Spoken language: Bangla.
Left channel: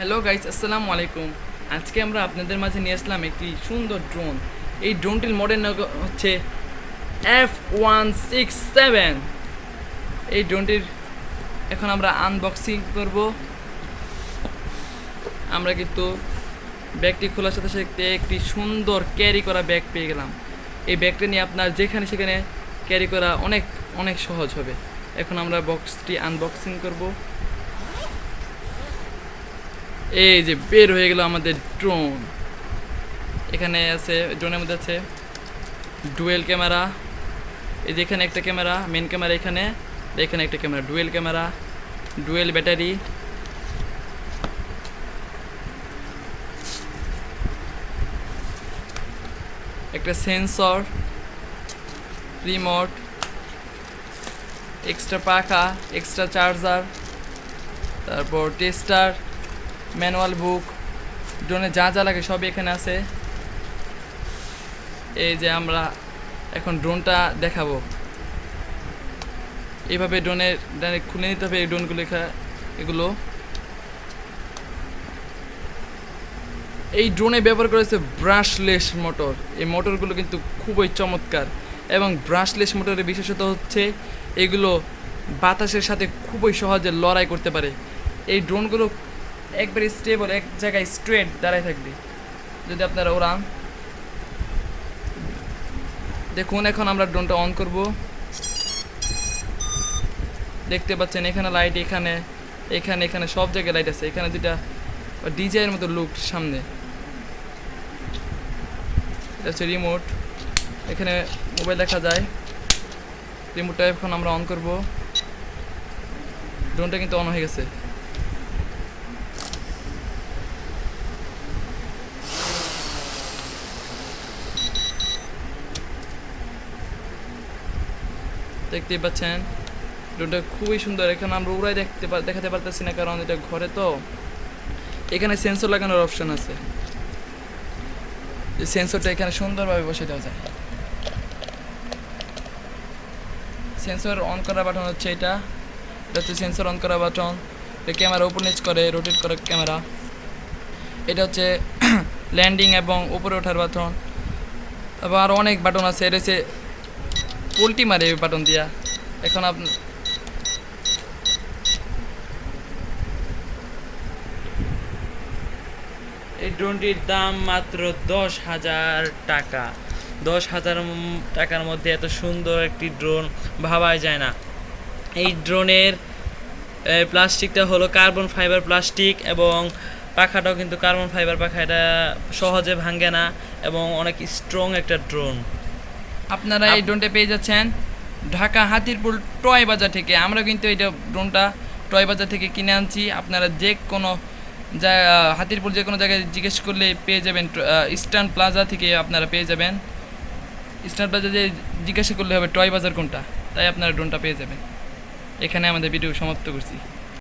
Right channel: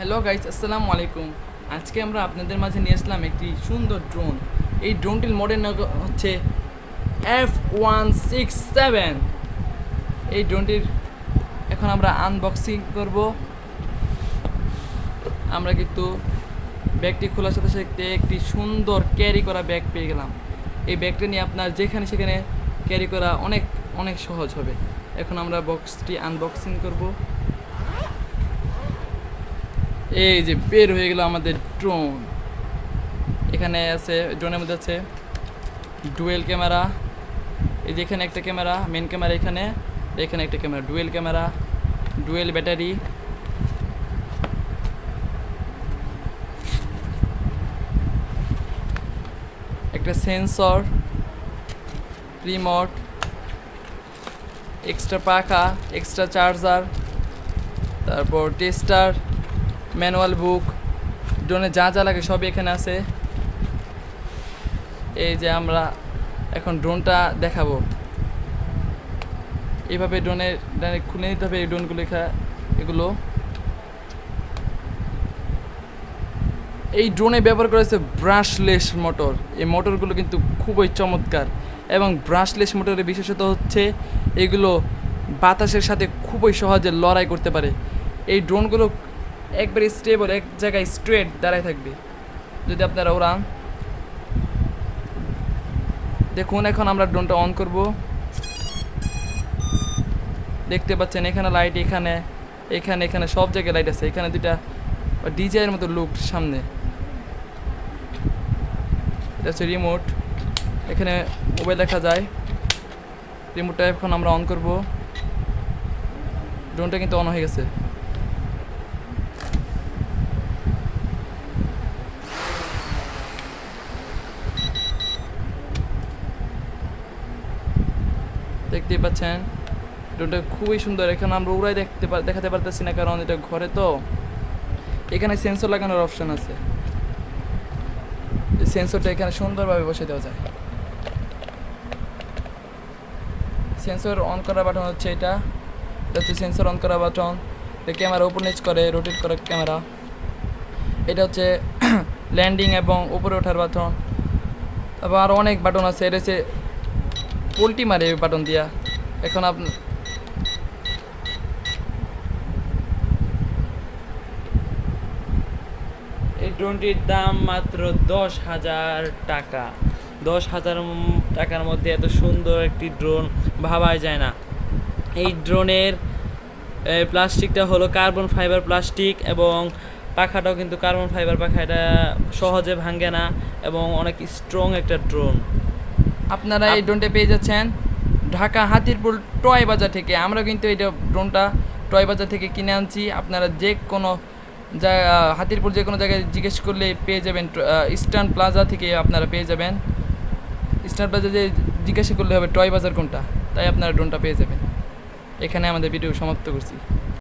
হ্যালো গাইস, আসসালামু আলাইকুম। আজকে আমরা আপনাদের মাঝে নিয়ে আসলাম একটি সুন্দর ড্রোন। এই ড্রোনটির মডেল হচ্ছে F167। এই ড্রোনটির এখন আমরা আনবক্সিং করব। আমরা কিন্তু ব্যাগটি খোলার সাথে সাথে একটি সুন্দর ক্যারি করা ব্যাগ পেয়ে গেলাম। এই ব্যাগটা নিয়ে আপনার যেখানে সেখানে ক্যারি করা অনেক অনেক সহজ হবে। এখন আমরা বক্সটি আনবক্সিং করব। এই যে বের হয়ে গেল আমাদের ড্রোন। এখানে আছে, ড্রোনের মধ্যে আছে ডুয়েল ক্যামেরা। এই যে এখানে একটা ক্যামেরা, মেন ক্যামেরা এখানে, এখানে একটা camera, dual camera, dual battery, একটা সেন্সর, রিমোট, এক্সট্রা পাখা, এক্সট্রা চার্জার, তারপর টেস্টার, ম্যানুয়াল বুক, ড্রোনে যা যা লাগে সবই এখানে আছে। এই যে আমরা এখন ড্রোনটা দেখাবো। এইভাবে ড্রোনের খুলে নিতে হবে এই ড্রোনগুলো। এগুলো এই ড্রোনে ব্যবহার করেছে ব্রাশলেস মোটর। এই মোটরগুলো কিন্তু খুবই চমৎকার, এবং ব্রাশলেস মোটরের বিশেষত হচ্ছে এগুলো বাতাসের সাথে খুবই সহজে লড়াই করতে পারে। এই ড্রোনগুলো একবারে স্টেবল, এক জায়গায় স্ট্রেট দাঁড়ায় থাকবে যদি আপনারা ওড়ান। দেখুন, এখন আমরা ড্রোনটা অন করব। দেখতে পাচ্ছেন এখানে লাইট, এখানে এখানে এখানে সব জায়গায় লাইট আছে। এখানে দুটা ডিজাইনের মতো লুক সামনে। এটা হচ্ছে রিমোট, এখানে মোবাইল দেখা যায়। রিমোটটা এখন আমরা অন করব। ড্রোনটা কিন্তু অন হয়ে গেছে। দেখতেই পাচ্ছেন ড্রোনটা খুবই সুন্দর। এখানে আমরা উড়াই দেখাতে পারতেছি না, কারণ এটা ঘরে তো। এখানে সেন্সর লাগানোর অপশন আছে। সেন্সরটা এখানে সুন্দরভাবে বসে দেওয়া যায়। সেন্সর অন করা বাটন হচ্ছে এটা হচ্ছে সেন্সর অন করা বাটন। এটা ক্যামেরা উপর নিচ করে, রোটেট করা ক্যামেরা। এটা হচ্ছে ল্যান্ডিং এবং উপরে ওঠার বাটন। আবার আরও অনেক বাটন আছে। এটা হচ্ছে পোল্টি মারে এই বাটন দিয়া। এখন আপনি এই ড্রোনটির দাম মাত্র 10,000 টাকা। 10,000 টাকার মধ্যে এত সুন্দর একটি ড্রোন ভাবাই যায় না। এই ড্রোনের প্লাস্টিকটা হলো কার্বন ফাইবার প্লাস্টিক, এবং পাখাটাও কিন্তু কার্বন ফাইবার পাখা। এটা সহজে ভাঙে না এবং অনেক স্ট্রং একটা ড্রোন। আপনারা এই ড্রোনটা পেয়ে যাচ্ছেন ঢাকা হাতিরপুল টয় বাজার থেকে। আমরা কিন্তু এটা ড্রোনটা টয় বাজার থেকে কিনে আনছি। আপনারা যে কোনো হাতিরপুল যে কোনো জায়গায় জিজ্ঞেস করলে পেয়ে যাবেন। ইস্টার্ন প্লাজা থেকে আপনারা পেয়ে যাবেন। ইস্টার্ন প্লাজা যে জিজ্ঞাসা করলে হবে টয় বাজার কোনটা, তাই আপনারা ড্রোনটা পেয়ে যাবেন। এখানে আমাদের ভিডিও সমাপ্ত করছি।